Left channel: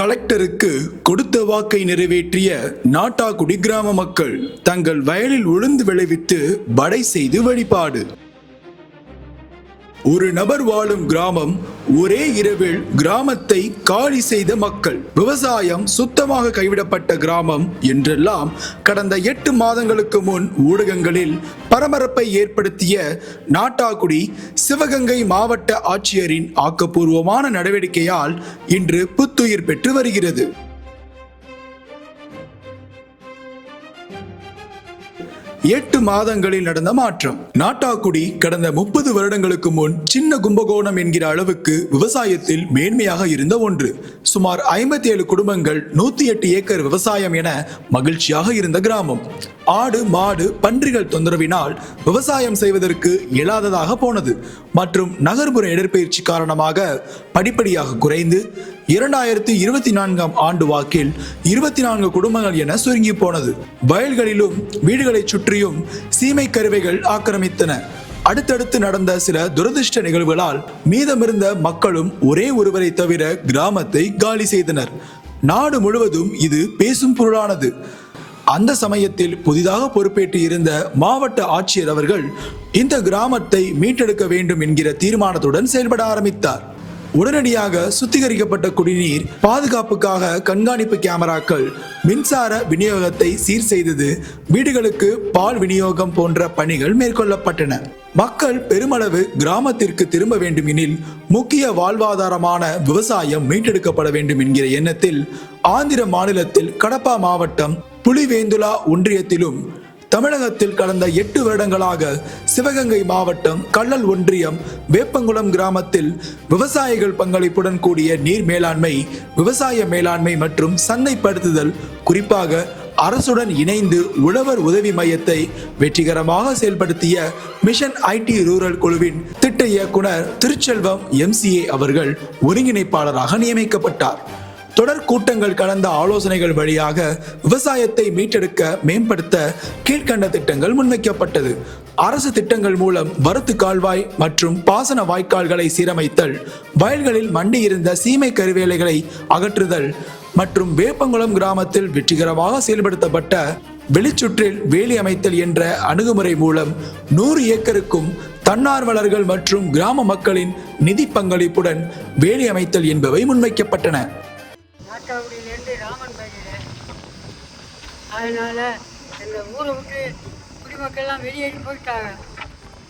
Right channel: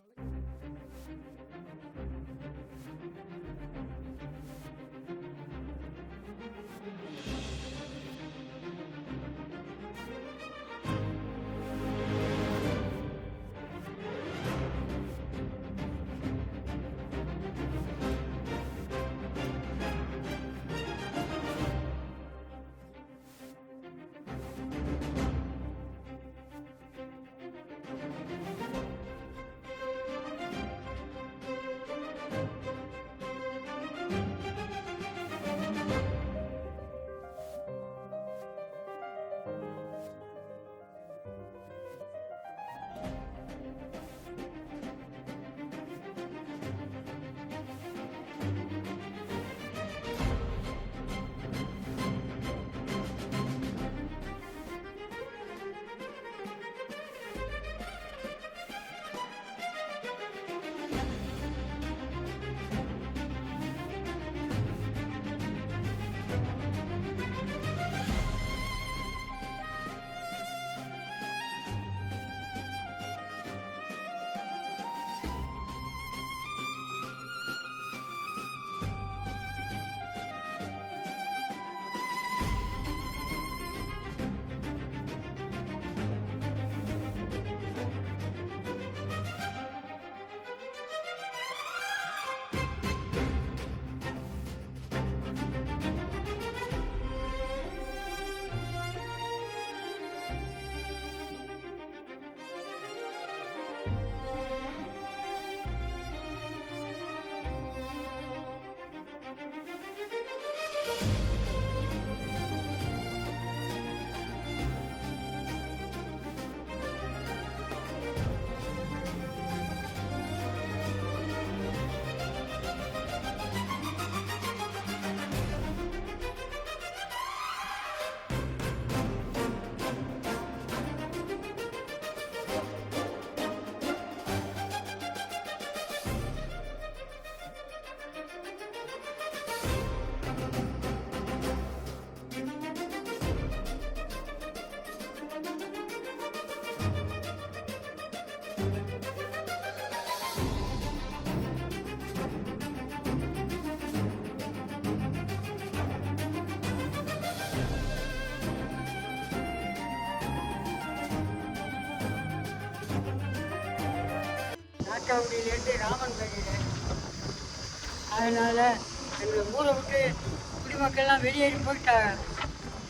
கலெக்டருக்கு கொடுத்த வாக்கை நிறைவேற்றிய நாட்டாக்குடி கிராம மக்கள் தங்கள் வயலில் உளுந்து விளைவித்து வடை செய்து வழிபாடு. ஒரு நபர் வாழும் கிராமம், ஒரே இரவில் கிராமத்தை காலி செய்த மக்கள், விவசாயம் சுத்தமாக கைவிடப்பட்ட கிராமம் என்றெல்லாம் கடந்த 8 மாதங்களுக்கு முன் ஊடகங்களில் பரபரப்பை ஏற்படுத்திய நாட்டாக்குடி சிவகங்கை மாவட்ட ஆட்சியரின் ஆக்கப்பூர்வமான நடவடிக்கையால் இன்று புத்துயிர் பெற்று வருகிறது. 8 மாதங்களில் நடந்த மாற்றம். நாட்டாக்குடி கடந்த 30 வருடங்களுக்கு முன் சின்ன கும்பகோணம் என்கிற அளவுக்கு விவசாயத்தில் மேன்மையாக இருந்த ஒன்று. சுமார் 57 குடும்பங்கள், 108 ஏக்கர் விவசாயம் என மகிழ்ச்சியாக இருந்த கிராமம். ஆடு மாடு பன்றிகள் தொந்தரவினால் விவசாயம் செய்வதற்கு இயலாததாக போனது மற்றும் நகர்ப்புற இடற்பெயர்ச்சி காரணமாக படிப்படியாக குறைந்து 2024ஆம் ஆண்டு வாக்கில் 24 குடும்பங்கள் என சுருங்கி போனது. வயல்களிலும் வீடுகளை சுற்றியும் சீமை கருவைகள் ஆக்கிரமித்தன. அடுத்தடுத்து நடந்த சில துரதிருஷ்ட நிகழ்வுகளால் மீதமிருந்த மக்களும் ஒரே ஒருவரை தவிர கிராமத்தை காலி செய்தனர். நாடு முழுவதும் இது பேசும் பொருளானது. அந்த சமயத்தில் புதிதாக பொறுப்பேற்று இருந்த மாவட்ட ஆட்சியர் அவர்கள் இந்த கிராமத்தை மீட்டெடுக்க வேண்டும் என்கிற தீர்மானத்துடன் செயல்பட ஆரம்பித்தார். உடனடியாக சுத்திகரிக்கப்பட்ட குடிநீர், பாதுகாப்புக்காக கண்காணிப்பு கேமராக்கள், மின்சார விநியோகத்தை சீர் செய்தது, வீடுகளுக்கு பால் விநியோகம் போன்ற பணிகள் மேற்கொள்ளப்பட்டன. மக்கள் பெருமளவு கிராமத்திற்கு திரும்ப வேண்டும் எனில் முக்கிய வாழ்வாதாரமான விவசாயம் மீட்டெடுக்கப்பட வேண்டும் என்கிற எண்ணத்தில் ஆந்திர மாநிலத்தில் கடப்பா மாவட்டம் புலிவேந்துலா ஒன்றியத்திலும், தமிழகத்தில் கடந்த 8 வருடங்களாக சிவகங்கை மாவட்டம் கள்ளல் ஒன்றியம் வேப்பங்குளம் கிராமத்தில் விவசாயிகள் பங்களிப்புடன் கூடிய நீர் மேலாண்மை, விவசாய மேலாண்மை மற்றும் சந்தைப்படுத்துதல், குறிப்பாக அரசுடன் இணைந்து உழவர் உதவி மையத்தை வெற்றிகரமாக செயல்படுத்திய மிஷன் ஐடி ரூரல் குழுவின் திட்ட இயக்குனர் திருச்செல்வம் MCA அவர்கள் ஒருங்கிணைப்பாளராக நியமிக்கப்பட்டார். தொடர் கூட்டங்கள் கலந்த ஆலோசனைகள் வழியாக விவசாயத்தை மீட்டெடுக்க மேம்படுத்த கீழ்கண்ட திட்டங்கள் முன்வைக்கப்பட்டது. அரசு திட்டங்கள் மூலம் வரத்து கால்வாய் மற்றும் பாசன வாய்க்கால்களை சீரமைத்தல், வயல்களில் மண்டி இருந்த சீமை கருவேலைகளை அகற்றுதல் மற்றும் வேப்பங்குளம் கிராமத்தில் வெற்றிகரமாக செயல்படுத்தப்பட்ட வெளிச்சுற்றில் வேலி அமைத்தல் என்ற அணுகுமுறை மூலம் 100 ஏக்கருக்கும் தன்னார்வலர்கள் மற்றும் கிராம மக்களின் நிதி பங்களிப்புடன் வேலி அமைத்தல் என்பவை முன்வைக்கப்பட்டன. நாட்டாக்குடியிலேருந்து ராமன் பேசுகிறேன். அதனால் எங்கள் ஊரை விட்டு குடிமக்கள்லாம் வெளியேறி போயிட்டாங்க.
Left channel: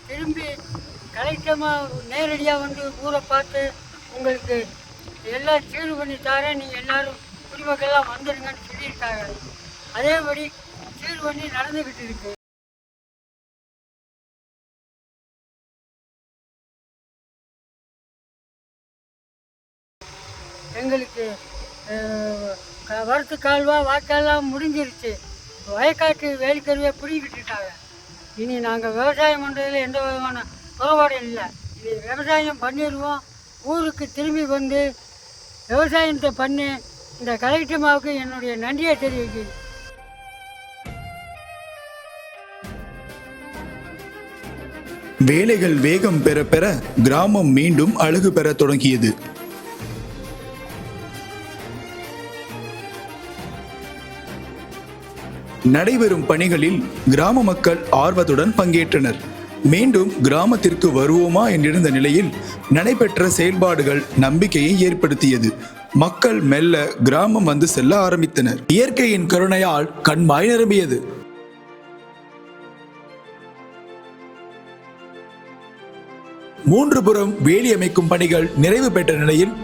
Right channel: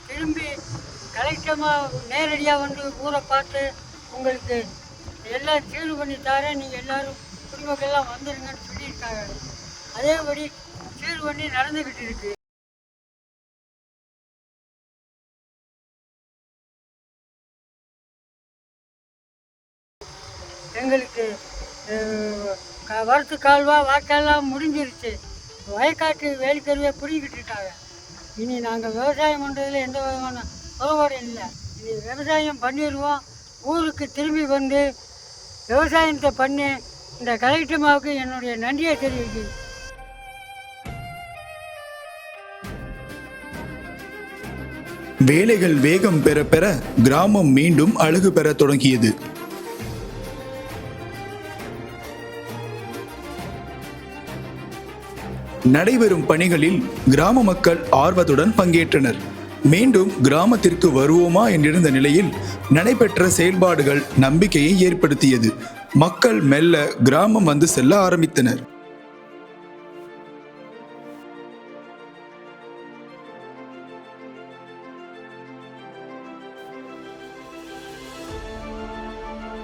திரும்பி கலெக்டமாக நேரடியாக வந்து ஊரை பார்த்து உங்களுக்கு எல்லாம் சீர் பண்ணி தரேன், நீங்கள் எல்லோரும் குடிமக்கள்லாம் வந்துடுங்கன்னு சொல்லியிருக்காங்க. அதேபடி சீர் பண்ணி நடந்துக்கிட்டு இருக்கு. எங்களுக்கு வரத்து கால்வா வாய்க்கால்லாம் முடிஞ்சிருச்சு. வயக்காட்டு வேலிக்கருவியை பிடிக்கிட்டு இருக்காங்க. இனி நாங்கள் விவசாயம் பண்ணுறதுல எந்த விதமான குறைபாடும் இல்லை. இனி விவசாயம் பண்ணிடுவோம். ஊருக்கு திரும்பி வந்து விவசாயத்தை பண்ணி இந்த கலெக்டர்மாவுக்கு என்னுடைய நன்றியை தெரிவிக்கிறேன். வேலைகள் வேகம் பெற பெற கிராமம் மீண்டும் அழகு பெற தொடங்கியது. நடைபெறும் பணிகளில் கிராம மக்கள் ஆர்வத்துடன் பங்கேற்றனர். மீண்டும் கிராமத்திற்கு வருவோமா என்றிருந்த நிலையில் நடைபெற்ற செயல்பாடுகள் நம்பிக்கையை ஏற்படுத்தியது. மக்கள் மெல்ல கிராமம் வந்து செல்ல ஆரம்பித்தனர். இயற்கையின் கருணையால் கண்மாய் நிரம்பியது. மூன்று புறம் வேலி அமைக்கும் பணிகள் நிறைவு பெற்ற நிலையில்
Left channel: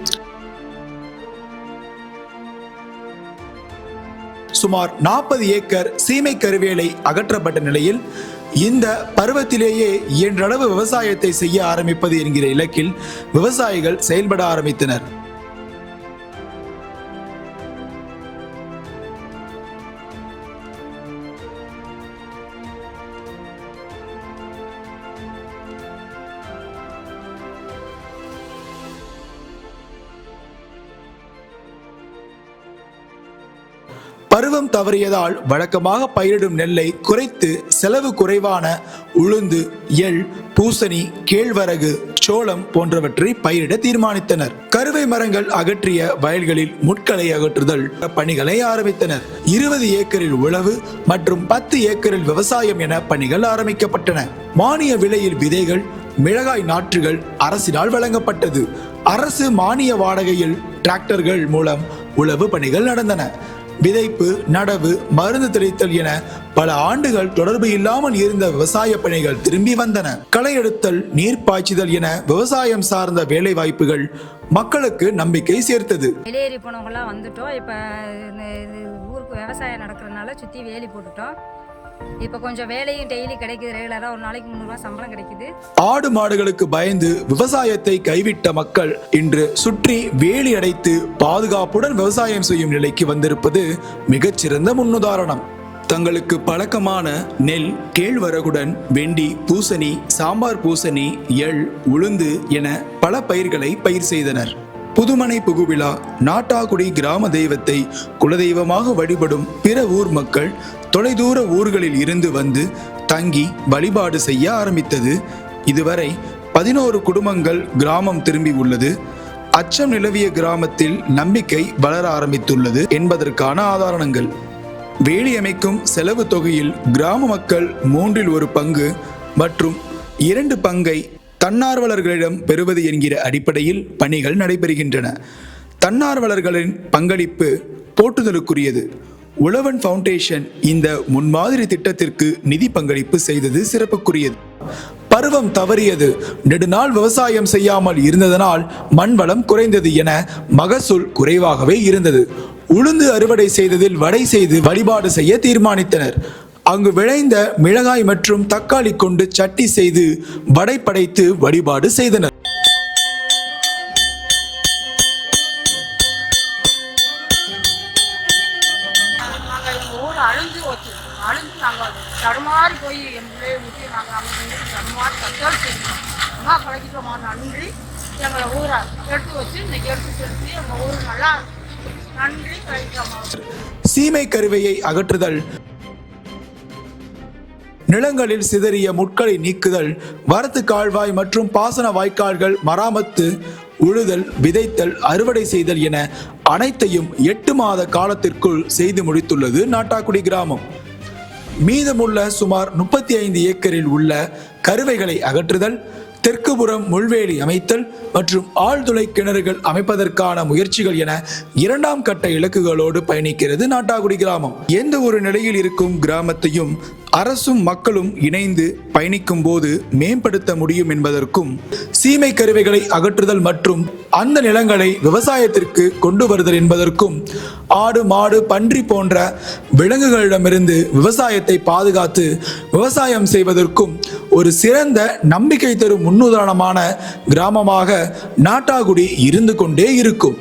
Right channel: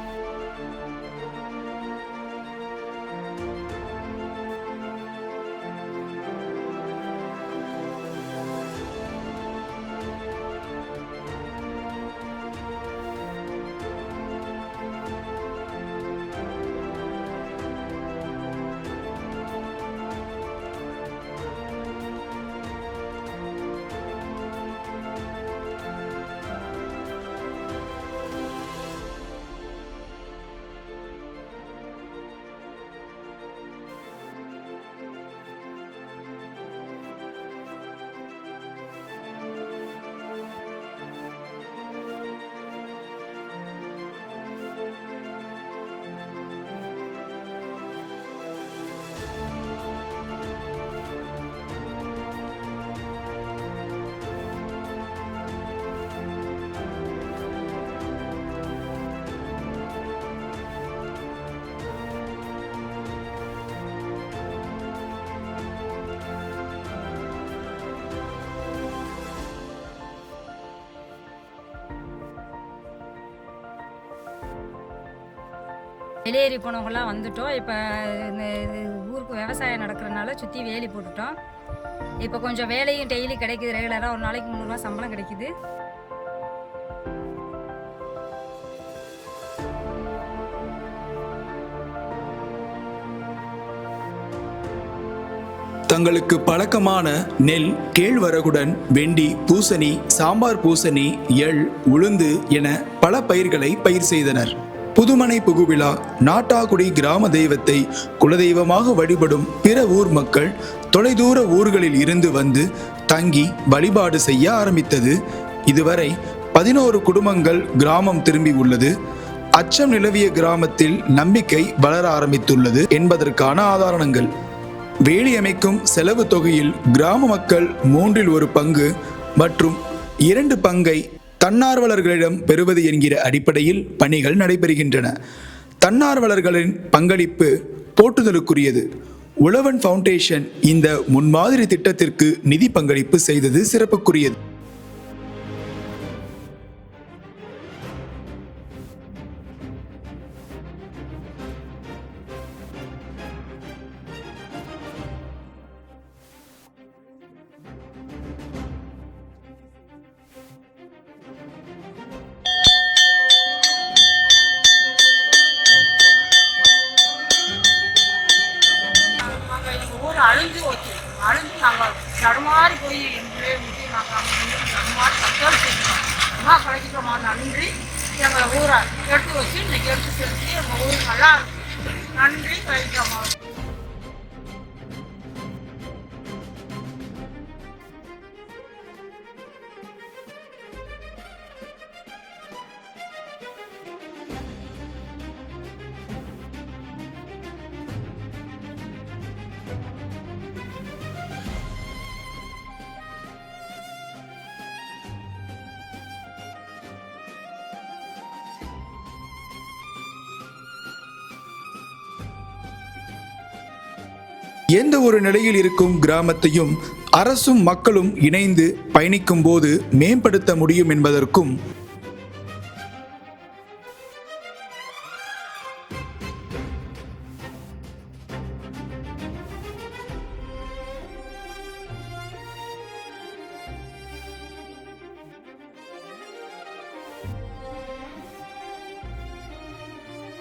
சுமார் 40 ஏக்கர் சீமை கருவேலை அகற்றப்பட்ட நிலையில் இந்த பருவத்திலேயே இயன்றளவு விவசாயத்தை செய்ய ஆரம்பிப்பது என்கிற இலக்கில் விவசாயிகள் செயல்பட ஆரம்பித்தனர். பருவம் தவறியதால் வழக்கமாக பயிரிடும் நெல்லை குறைத்து செலவு குறைவான உளுந்து, எள், பூசணி, கேழ்வரகு, சோளம் போன்றவற்றை பயிரிட தீர்மானித்தனர். கருவை மரங்கள் அகற்றிய வயல்களில் முட்களை அகற்றுதல் பணிகளை ஆரம்பித்தனர். 20 ஏக்கரில் உழவு மற்றும் 10 ஏக்கரில் விவசாயம் என பணிகள் ஆரம்பிக்கப்பட்டன. மானிய விலையில் விதைகள், மிளகாய் நாற்றுகள் அரசினால் வழங்கப்பட்டது. அரசு மானிய வாடகையில் டிராக்டர்கள் மூலம் உழவு பணிகள் நடந்தன. விதைப்பு, நடவு, மருந்து தெளித்தல் என பல ஆண்டுகள் தொடர்பு இல்லாமல் இருந்த விவசாய பணிகள் திரும்பி வந்தன. களை எடுத்தல், நீர் பாய்ச்சுதல் என விவசாயம் சார்ந்த வேலை வாய்ப்புகள் மக்களுக்கு நம்பிக்கை சேர்த்தது. வெளியேறி போனவங்களாம் வந்துட்டோம். இப்போ ஊருக்கு விவசாயம் நடக்கிறதுனால சுற்றி வேலி போட்டுட்டோம். இப்போ கொஞ்சம் வேலையும் டெய்லி கிடைக்குது. ரெகுலராக ஒரு நாளைக்கு 300 ரூபாய் சம்பளம் கிடைக்குது. ஆடு மாடுகளுக்கு பயந்து விவசாயத்தை கைவிட்ட மக்கள் இன்று சுற்றி வேலி அடைத்து பாதுகாப்புடன் விவசாயம் செய்யும் நிலைக்கு வந்திருப்பது மிகச்சிறந்த முன்னுதாரணம். தங்களுக்கு பழக்கமான நெல், கேழ்வரகுடன் வெண்டி, பூசணி, சாம்பார் பூசணி, எள், உளுந்து என பல பயிர்களை பயிர் செய்தனர். புதுமனை புகுவிழா நாட்டாக்குடி கிராம தெய்வத்தை குலதெய்வமாக வழிபடும் பிற ஊர் மக்கள் தொலைதூர ஊர்களில் இருந்து வந்து தங்கி வழிபாடு செய்ய ஆரம்பித்தது. இதுவரை 11 குடும்பங்கள் கிராமம் திரும்பி உள்ளது. அச்சம் நிலவிய கிராமத்தில் நம்பிக்கை வளர ஆரம்பித்துள்ளது என்பதற்கான ஆதாரங்கள். வேலி அமைக்கும் செலவு தொகையில் கிராம மக்கள் 1/3 பங்கு மற்றும் 2 பங்கை தன்னார்வலர்களிடம் பெறுவது என்கிற அடிப்படையில் பணிகள் நடைபெறுகின்றன. தன்னார்வலர்களின் பங்களிப்பு போற்றுதலுக்குரியது. உழவன் ஃபவுண்டேஷன் இந்த முன்மாதிரி திட்டத்திற்கு நிதி பங்களிப்பு செய்தது சிறப்புக்குரியது. பருவம் தவறியது, நெடுநாள் விவசாயம் செய்யாமல் இருந்ததனால் மண்வளம் குறைந்தது என மகசூல் குறைவாகவே இருந்தது. உளுந்து அறுவடை செய்ததில் வடை செய்து வழிபாடு செய்ய தீர்மானித்தனர். அங்கு விளைந்த மிளகாய் மற்றும் தக்காளி கொண்டு சட்டி செய்து வடை படைத்து வழிபாடு செய்தனர். அழிஞ்சு நாங்கள் தடுமாறி போய் எங்களே விட்டு நாங்கள் அங்கே தடுமாறி தற்கொலை செய்யணும். அம்மா பழகிட்டோமா, நன்றி. எங்களை ஊரை எடுத்து வச்சு இன்னைக்கு எடுத்து செலுத்தி எங்கள் ஊர் நல்லா இருக்கு. நன்றி பழகிட்டோமா. சீமை கருவையை அகற்றுதல், நிலங்களில் சிதறிய முட்களை நீக்குதல், வரத்து கால்வாய் மற்றும் பாசன வாய்க்கால்கள் மராமத்து, உழுதல், விதைத்தல், அறுவடை செய்தல் என அனைத்தையும் 8 மாத காலத்திற்குள் செய்து முடித்துள்ளது நாட்டாக்குடி கிராமம். மீதமுள்ள சுமார் 35 ஏக்கரில் உள்ள கருவைகளை அகற்றுதல், தெற்குபுறம் முள்வேலி அமைத்தல் மற்றும் ஆழ்துளை கிணறுகள் அமைப்பதற்கான முயற்சிகள் என 2ஆம் கட்ட இலக்குகளோடு பயணிக்கிறது நாட்டாக்குடி கிராமம். எந்த ஒரு நிலையில் இருக்கும் கிராமத்தையும் அரசும் மக்களும் இணைந்து பயணிக்கும் போது மேம்படுத்த முடியும் என்பதற்கும் சீமை கருவைகளை அகற்றுதல் மற்றும் அந்த நிலங்களை விவசாயத்திற்கு கொண்டு வருதல் என்பதற்கும் ஆடு, மாடு, பன்றி போன்ற விலங்குகளிடமிருந்து விவசாயத்தை பாதுகாத்து விவசாயம் செய்வதற்கும் ஒரு சிறந்த நம்பிக்கை தரும் முன்னுதாரணமான கிராமமாக நாட்டாக்குடி இருந்து கொண்டே இருக்கும்.